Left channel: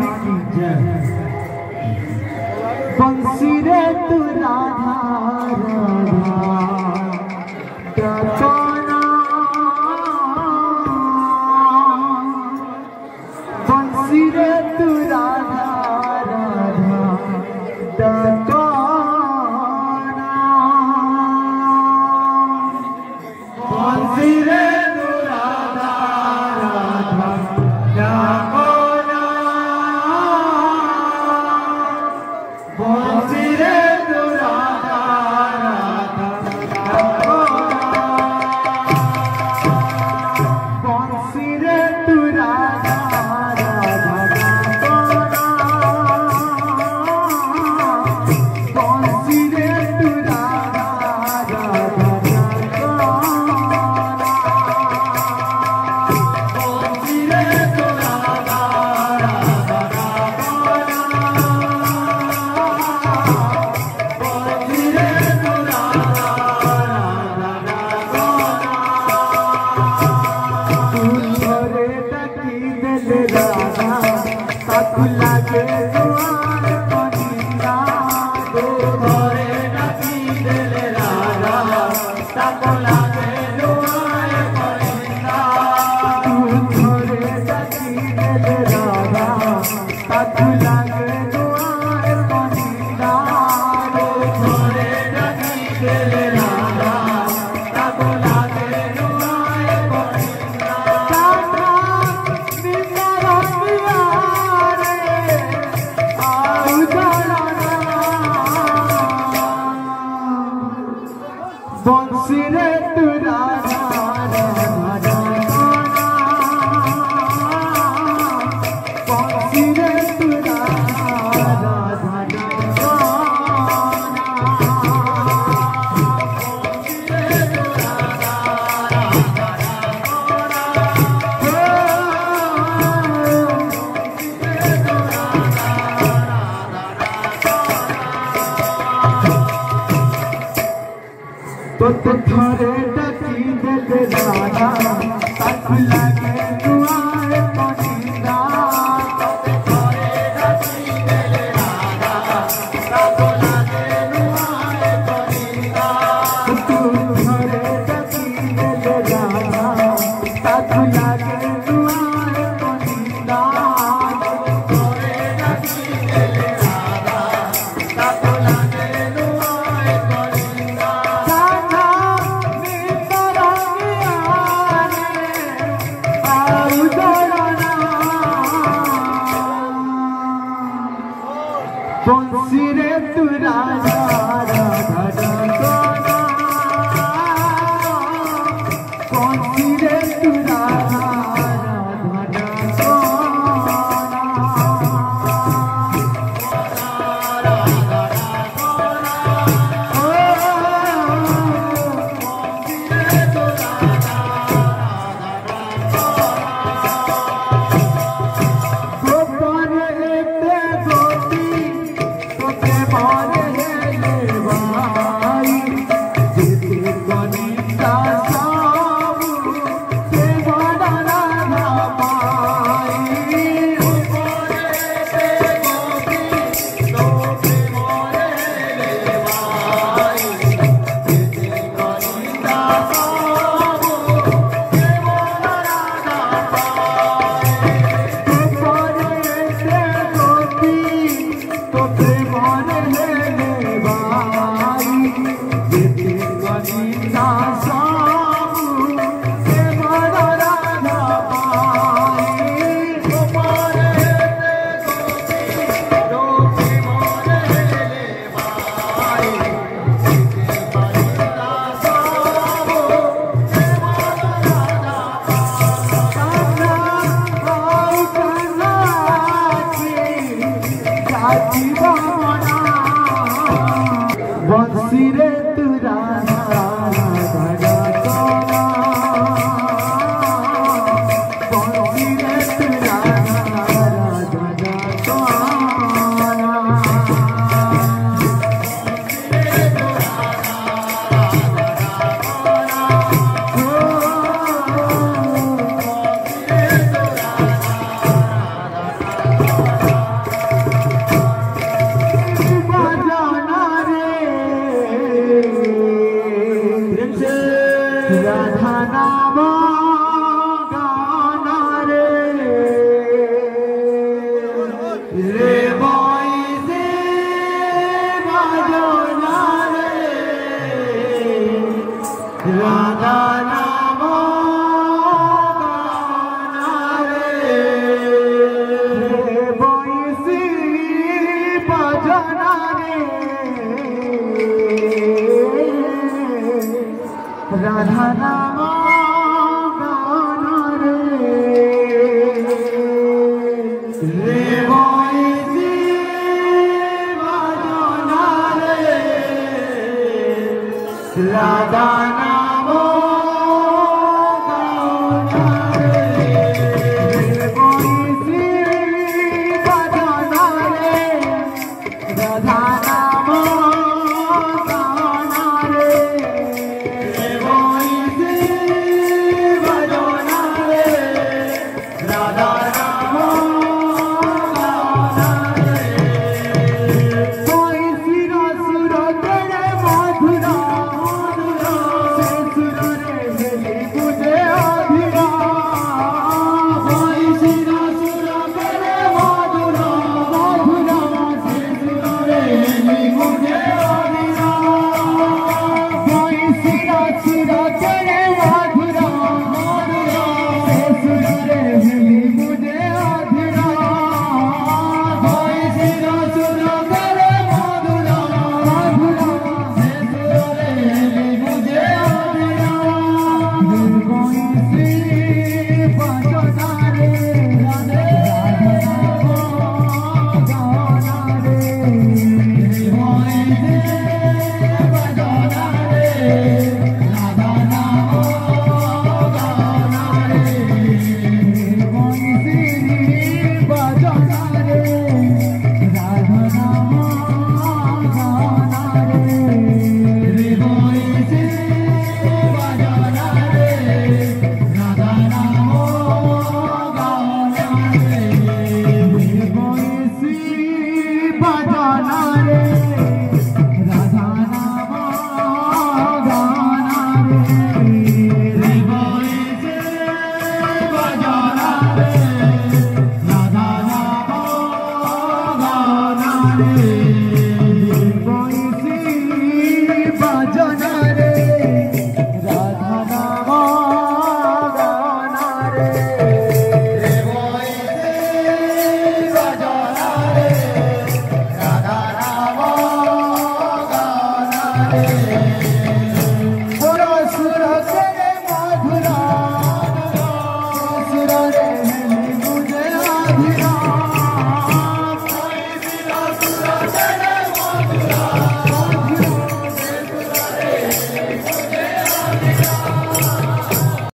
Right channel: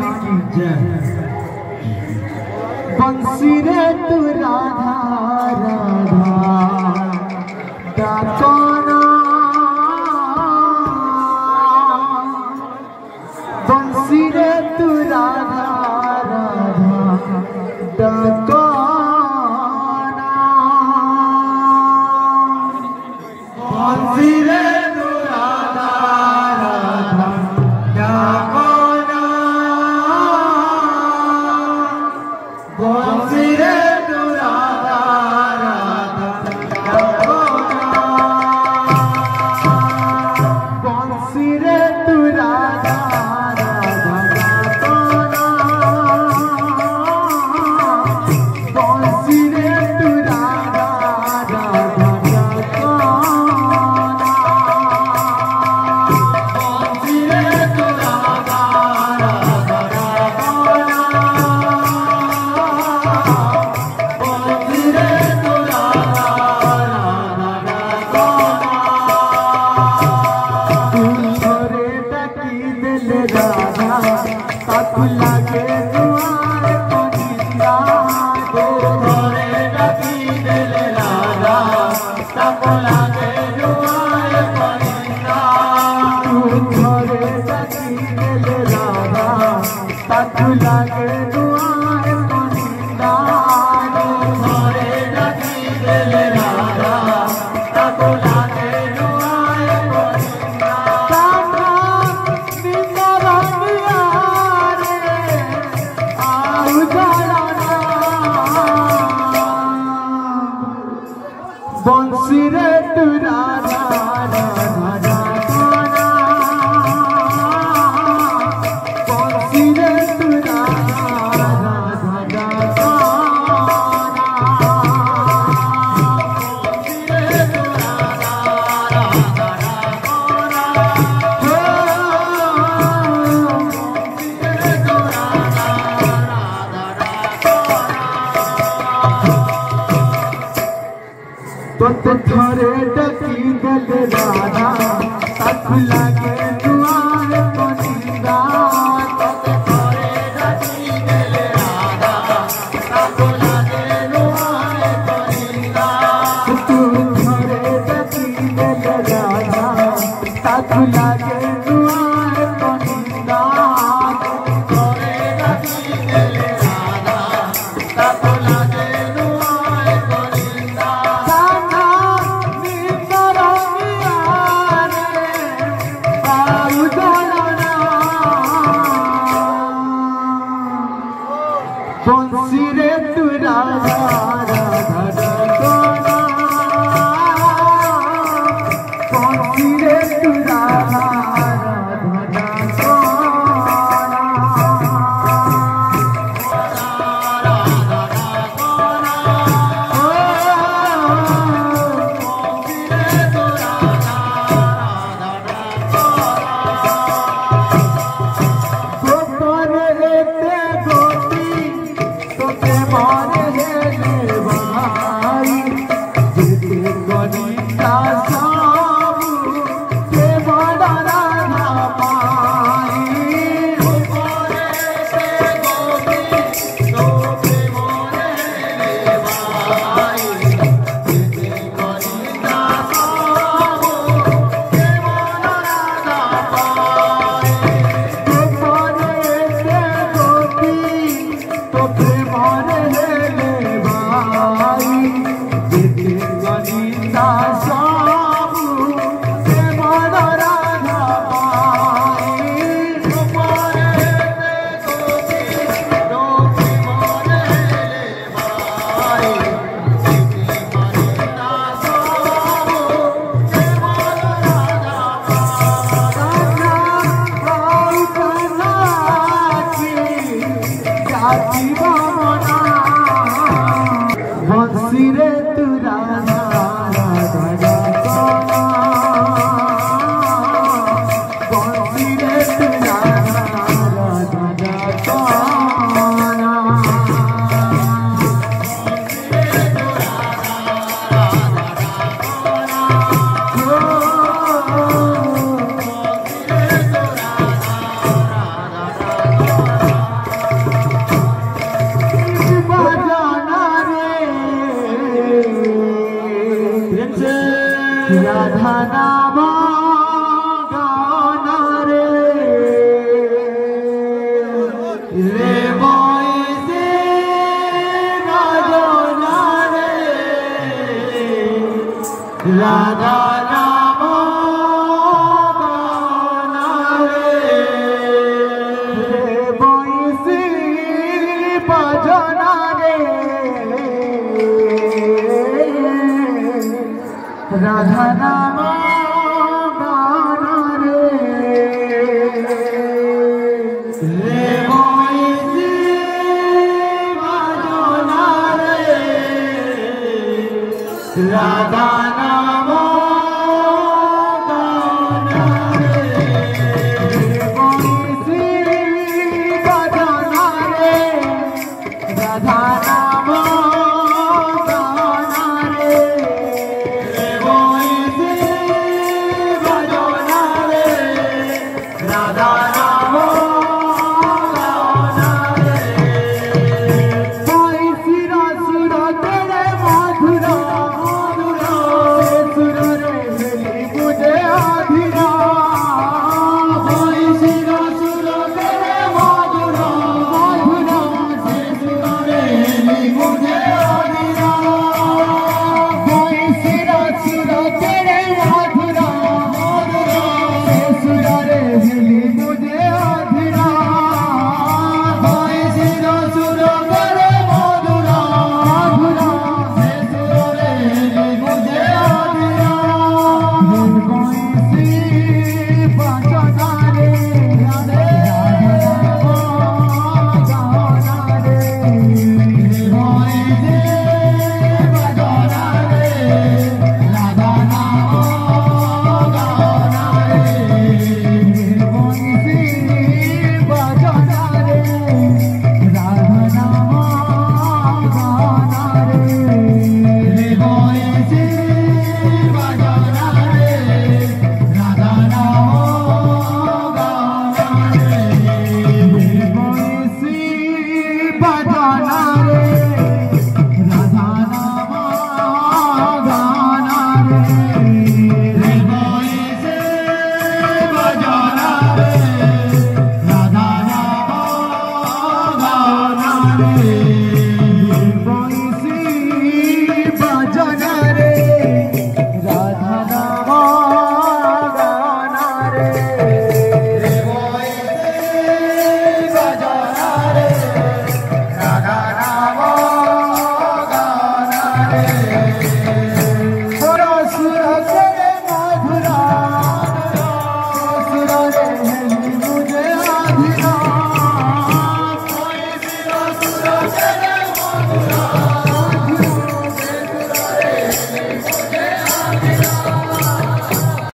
भगवान की जय। बंसी रे तू राधा राधा दाताना, बंसी रे तू राधा राधा दाताना, बंसी रे बंसी रे तू राधा राधा बंसी रे तू राधा राधा तो थोड़े डकी गले राधा तक लगे दुआए पनिंदा, तो थोड़े डकी गले राधा तक लगे दुआए पनिंदा, तू थोड़े डकी गले राधा तक लगे दुआए पनिंदा, तो थोड़े डकी गले राधा तक लगे दुआए पनिंदा। बंसी रे तू राधा राधा दाताना, बंसी रे तू राधा राधा बंसी रे तू राधा राधा बंसी रे तू राधा राधा रे बंसी बजना रे राधा नाम गाना रे बंसी बजना रे राधा नाम गाना रे रे बंसी बजना रे राधा नाम गाना रे बंसी बजना रे राधा नाम गाना रे बंसी बजना रे राधा नाम गाना रे बंसी रसुर तेरे मधुरा से सुर रे मुझे अधीरा बंसी रसुर तेरे मधुरा से सुर रे मुझे अधीरा बंसी रसुर तेरे मधुरा से सुर रे मुझे अधीरा बंसी रसुर तेरे मधुरा से सुर रे मुझे अधीरा बंसी बजना रे राधे गाना रे बंसी बजना रे राधा नाम गाना रे बंसी बजना रे राधा नाम गाना रे बंसी बजना रे राधा नाम गाना रे बंसी बजना रे राधा नाम गाना रे बंसी बजना रे राधा नाम गाना रे बंसी बजना रे राधा नाम गाना रे बंसी बजना रे राधा नाम गाना रे सुर तेरे मधुरा सुर रे मुझे